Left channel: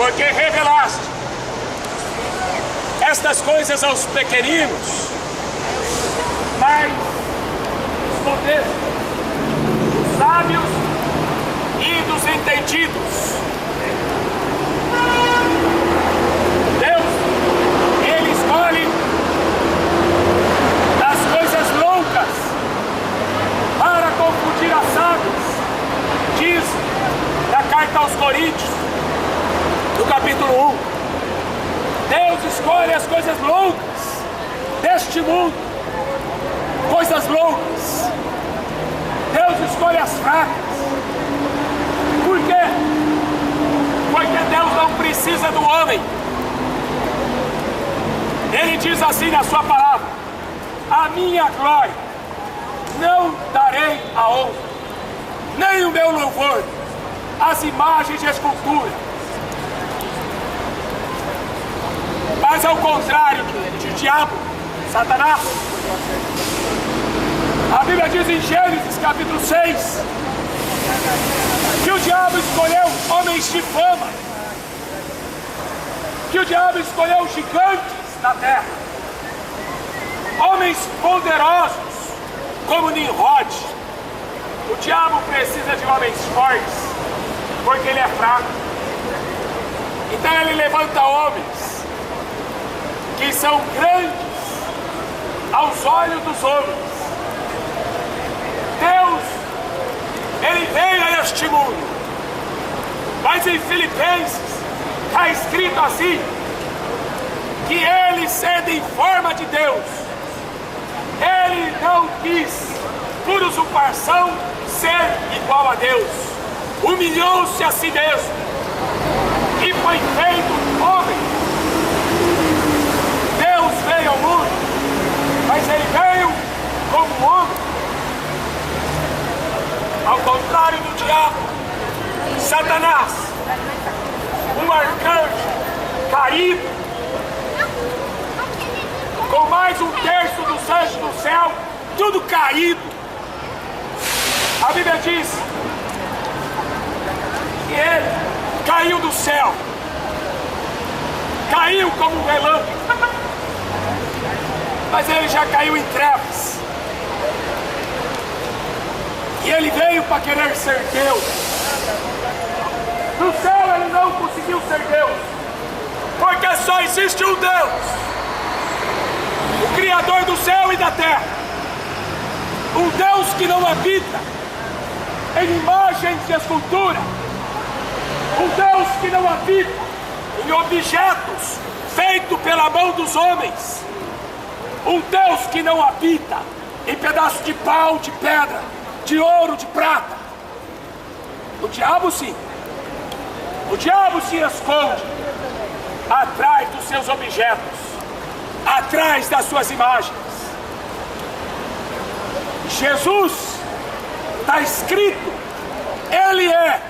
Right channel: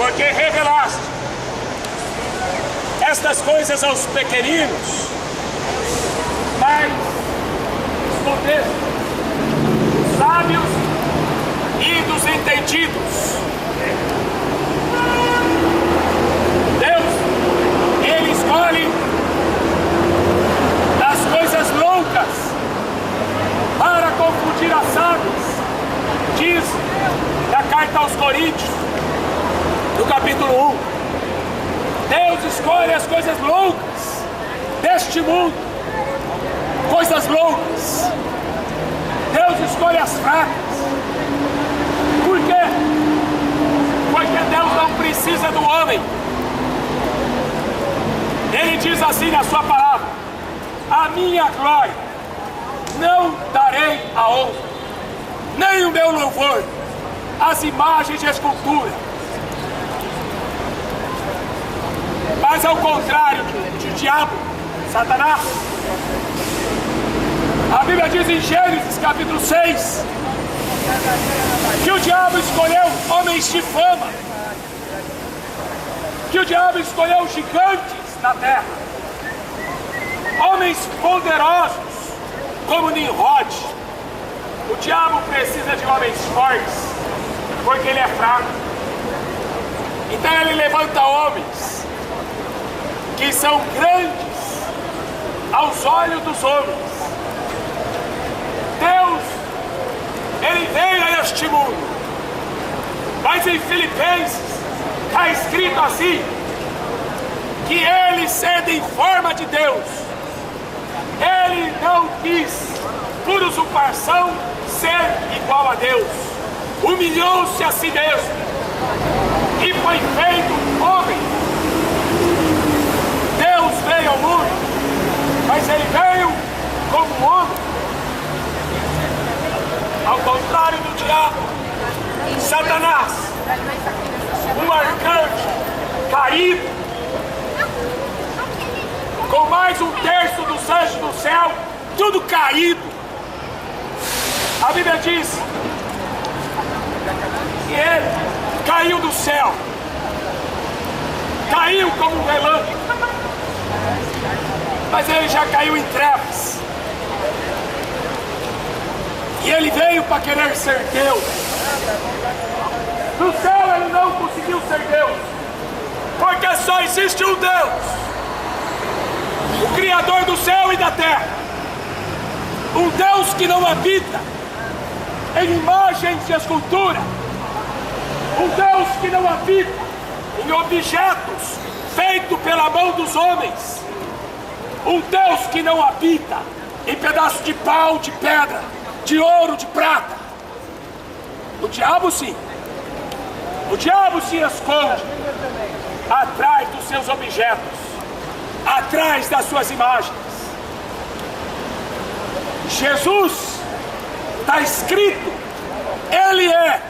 porque revelaste estas coisas aos pequeninos, mas escondeste dos sábios e dos entendidos. Deus, Ele escolhe as coisas loucas para confundir as sábias, diz na carta aos Coríntios, no capítulo 1. Deus escolhe as coisas loucas deste mundo, coisas loucas. Deus escolhe as fracas. Por quê? Porque Deus não precisa do homem. Ele diz assim na sua palavra: a minha glória não darei a honra, nem o meu louvor às imagens de escultura. Mas ao contrário de diabo, Satanás, a Bíblia diz em Gênesis capítulo 6 que o diabo escolheu homens de fama, que o diabo escolheu gigantes na terra, homens poderosos como Nimrod. O diabo precisa de homens fortes porque ele é fraco. Então ele levanta homens que são grandes aos olhos dos homens. Deus, Ele veio a este mundo, mas em Filipenses está escrito assim, que Ele, sendo em forma de Deus, Ele não quis, por usurpação, ser igual a Deus. Humilhou-se a si mesmo e foi feito homem. Deus veio ao mundo, mas Ele veio como homem. Ao contrário do diabo, Satanás, um arcanjo caído, com mais um terço dos anjos do céu, tudo caído. A Bíblia diz que ele caiu do céu, caiu como um relâmpago, mas ele já caiu em trevas. E ele veio para querer ser Deus. No céu ele não conseguiu ser Deus, porque só existe um Deus, o Criador do céu e da terra. Um Deus que não habita em imagens de escultura. Um Deus que não habita em objetos feitos pela mão dos homens. Um Deus que não habita em pedaços de pau, de pedra, de ouro, de prata. O diabo sim. O diabo se esconde atrás dos seus objetos, atrás das suas imagens. Jesus, está escrito, Ele é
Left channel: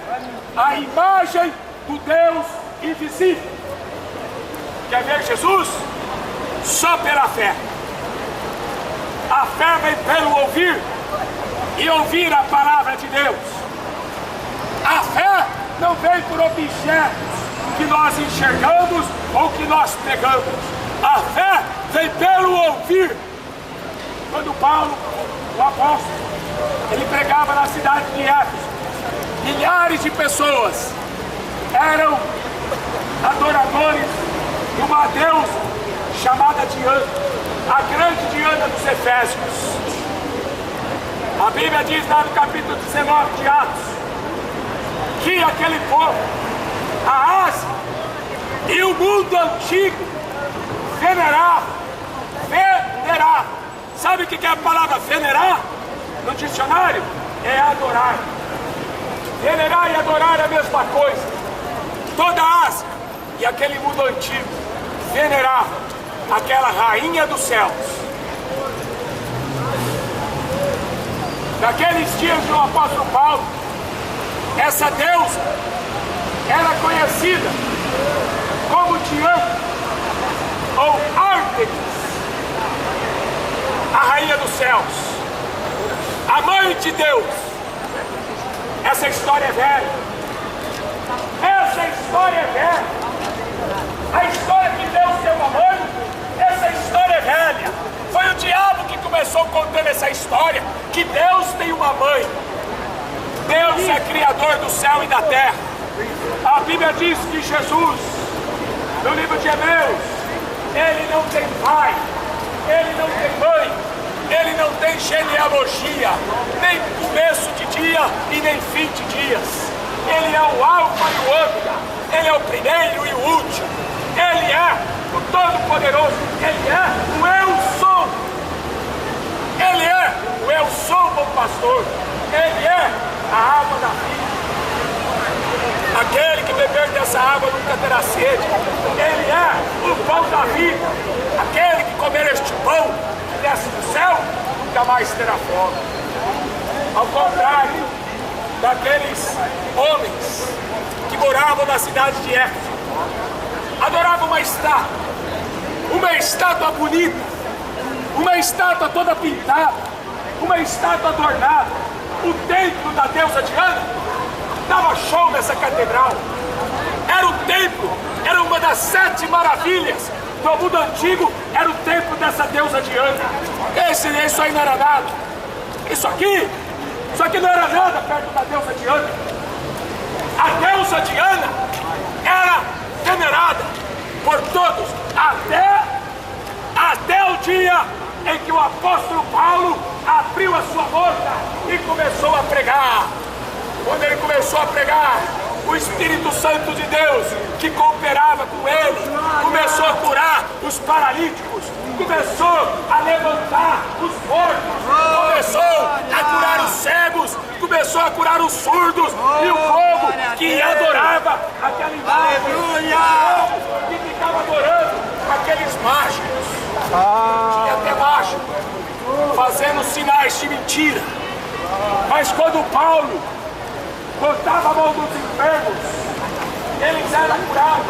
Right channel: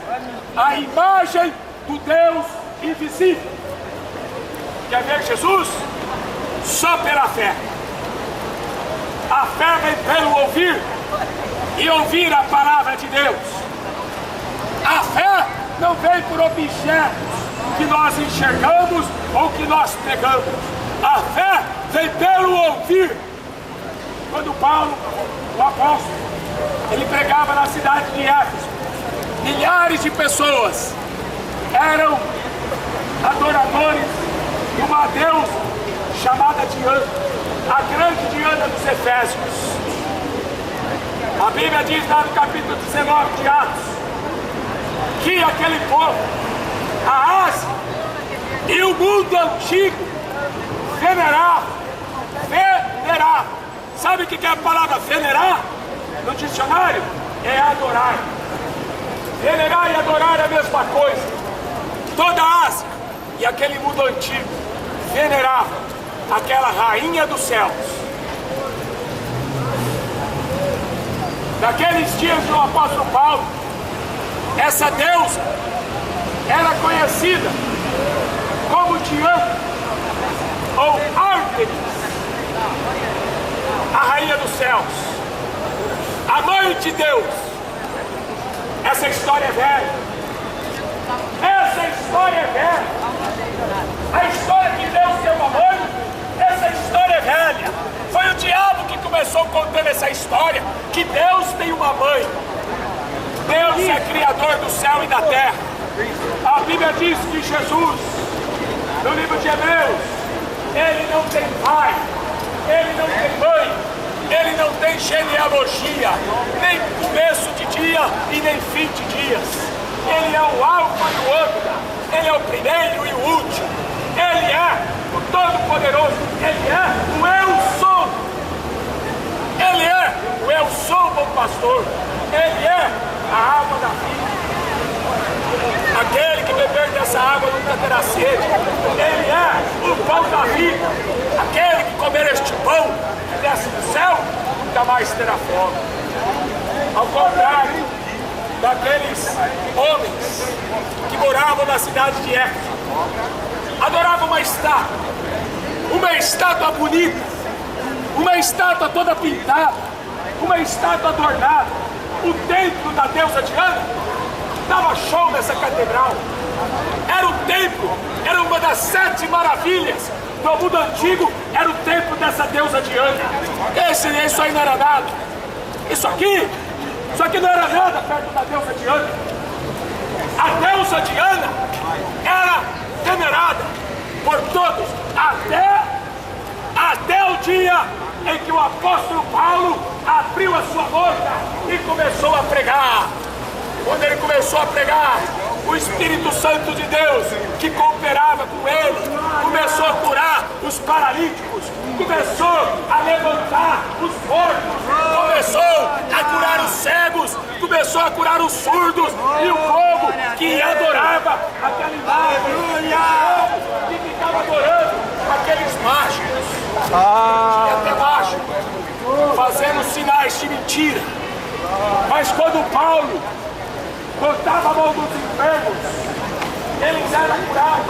a imagem do Deus invisível. Quer ver Jesus? Só pela fé. A fé vem pelo ouvir, e ouvir a palavra de Deus. A fé não vem por objetos que nós enxergamos ou que nós pegamos. A fé vem pelo ouvir. Quando Paulo, o apóstolo, ele pregava na cidade de Éfeso, milhares de pessoas eram adoradores de uma deusa chamada Diana, a grande Diana dos Efésios. A Bíblia diz lá no capítulo 19 de Atos que aquele povo, a Ásia e o mundo antigo venerava. Sabe o que é a palavra venerar? No dicionário é adorar. Venerar e adorar é a mesma coisa. Toda a Ásia e aquele mundo antigo venerava aquela rainha dos céus. Naqueles dias do apóstolo Paulo, essa deusa era conhecida como Diana ou Ártemis, a rainha dos céus, a mãe de Deus. Essa história é velha. Essa história é velha. contando essa história que Deus tem uma mãe. Deus é criador do céu e da terra. A Bíblia diz que Jesus, no livro de Hebreus, ele não tem pai, ele não tem mãe, ele não tem genealogia, nem começo de dia e nem fim de dias. Ele é o alfa e o ômega, ele é o primeiro e o último, ele é o Todo-Poderoso, ele é o Eu Sou. Ele é o Eu Sou, bom pastor, ele é a água da vida. Aquele que beber dessa água nunca terá sede. Ele é o pão da vida. Aquele que comer este pão que desce do céu nunca mais terá fome. Ao contrário daqueles homens que moravam na cidade de Éfeso, adoravam uma estátua bonita, uma estátua toda pintada, uma estátua adornada. O templo da deusa Diana dava show nessa catedral. Era o templo, era uma das 7 maravilhas do mundo antigo, era o templo dessa deusa Diana. Isso aí não era nada. Isso aqui não era nada perto da deusa Diana. A deusa Diana era venerada por todos, até o dia em que o apóstolo Paulo abriu a sua boca e começou a pregar. Quando ele começou a pregar, o Espírito Santo de Deus, que cooperava com ele, começou a curar os paralíticos, começou a levantar os mortos, começou a curar os cegos, começou a curar os surdos, e o povo que adorava aquela imagem, que ficava adorando aqueles mágicos, tinha até mágico, fazendo sinais de mentira. Mas quando Paulo botava a mão nos enfermos, eles eram curados.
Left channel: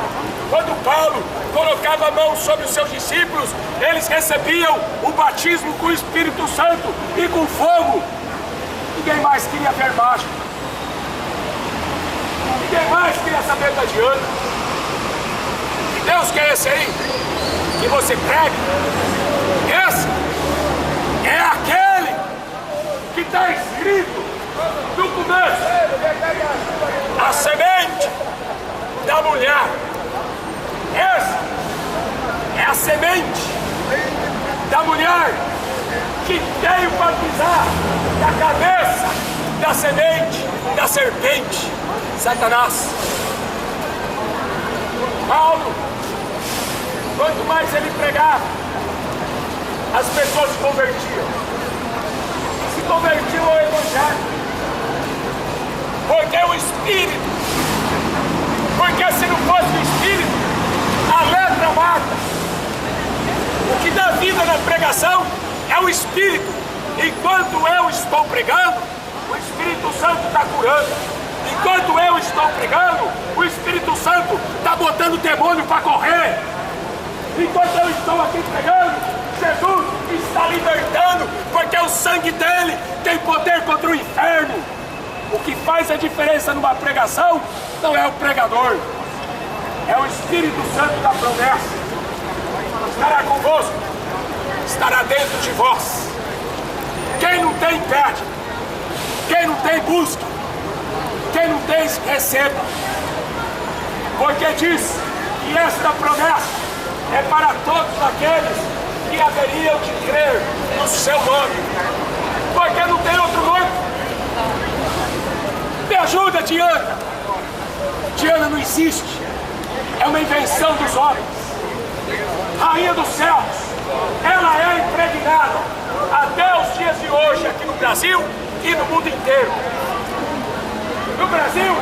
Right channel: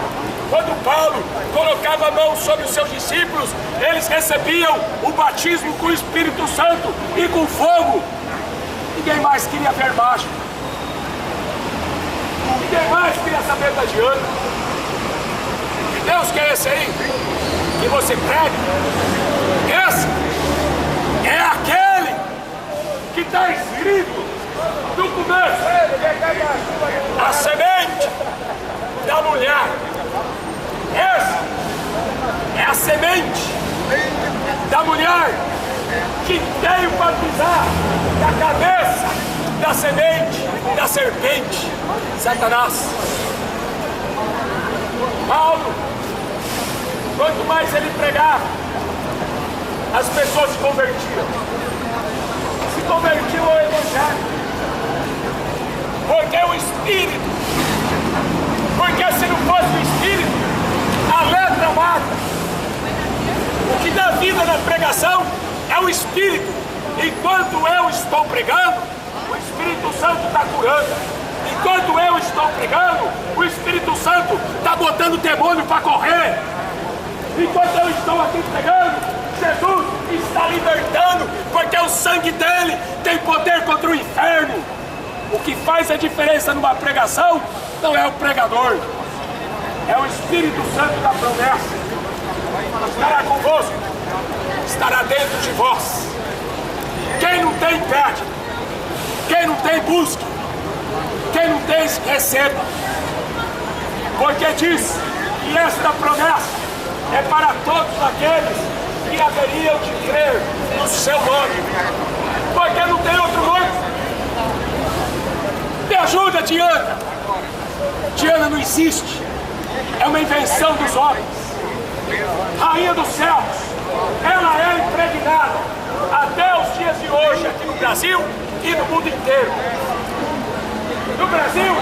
Quando Paulo colocava a mão sobre os seus discípulos, eles recebiam o batismo com o Espírito Santo e com fogo. Ninguém mais queria ver mágica. Ninguém mais queria saber da Diana. Que Deus que é esse aí que você prega? Esse é aquele que está escrito no começo, a semente da mulher. Essa é a semente da mulher que veio para pisar na cabeça da semente da serpente, Satanás. Paulo, quanto mais ele pregava, as pessoas se convertiam ao Evangelho. Porque o Espírito, porque se não fosse o Espírito, a letra mata. O que dá vida na pregação é o Espírito. Enquanto eu estou pregando, o Espírito Santo está curando. Enquanto eu estou pregando, o Espírito Santo está botando o demônio para correr. Enquanto eu estou aqui pregando, Jesus está libertando, porque o sangue dele tem poder contra o inferno. O que faz a diferença numa pregação não é o pregador, é o Espírito Santo da promessa. Estará convosco, estará dentro de vós. Quem não tem, pede. Quem não tem, busque. Quem não tem, receba. Porque diz que esta promessa é para todos aqueles que haveriam de crer no seu nome. Porque não tem outro nome. Me ajuda, Diana. Diana não existe. É uma invenção dos homens. Rainha dos céus, ela é impregnada até os dias de hoje aqui no Brasil e no mundo inteiro. No Brasil,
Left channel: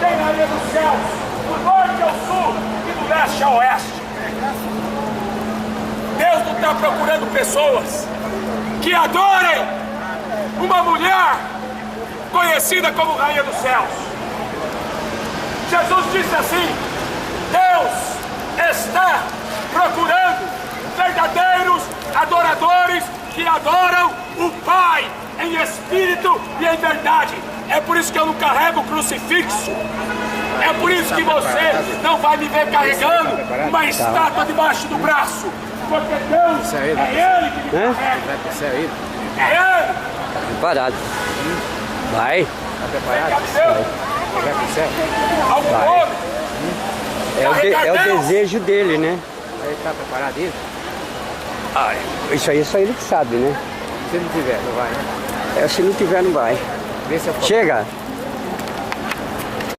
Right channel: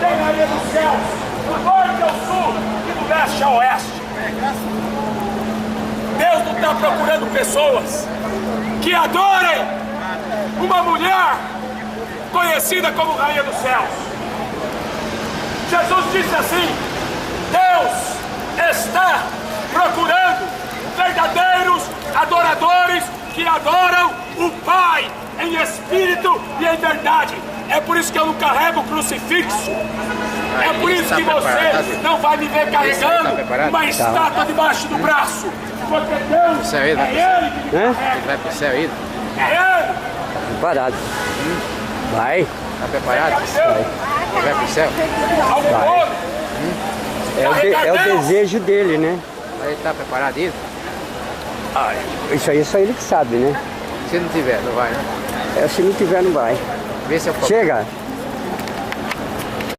tem Rainha dos céus do norte ao sul e do leste ao oeste. Deus não está procurando pessoas que adorem uma mulher conhecida como Rainha dos Céus. Jesus disse assim: Deus está procurando verdadeiros adoradores que adoram o Pai em espírito e em verdade. É por isso que eu não carrego o crucifixo. É por isso que você não vai me ver carregando uma estátua debaixo do braço. Porque Deus é Ele que me carrega. É, Preparado. Vai. Tá preparado? vai. Vai pro céu? Algum Vai. homem É o desejo dele, né? Ele tá preparado isso? Isso aí só ele que sabe, né? Se não tiver, não vai, né? Se não tiver, não vai. Vê se eu Chega.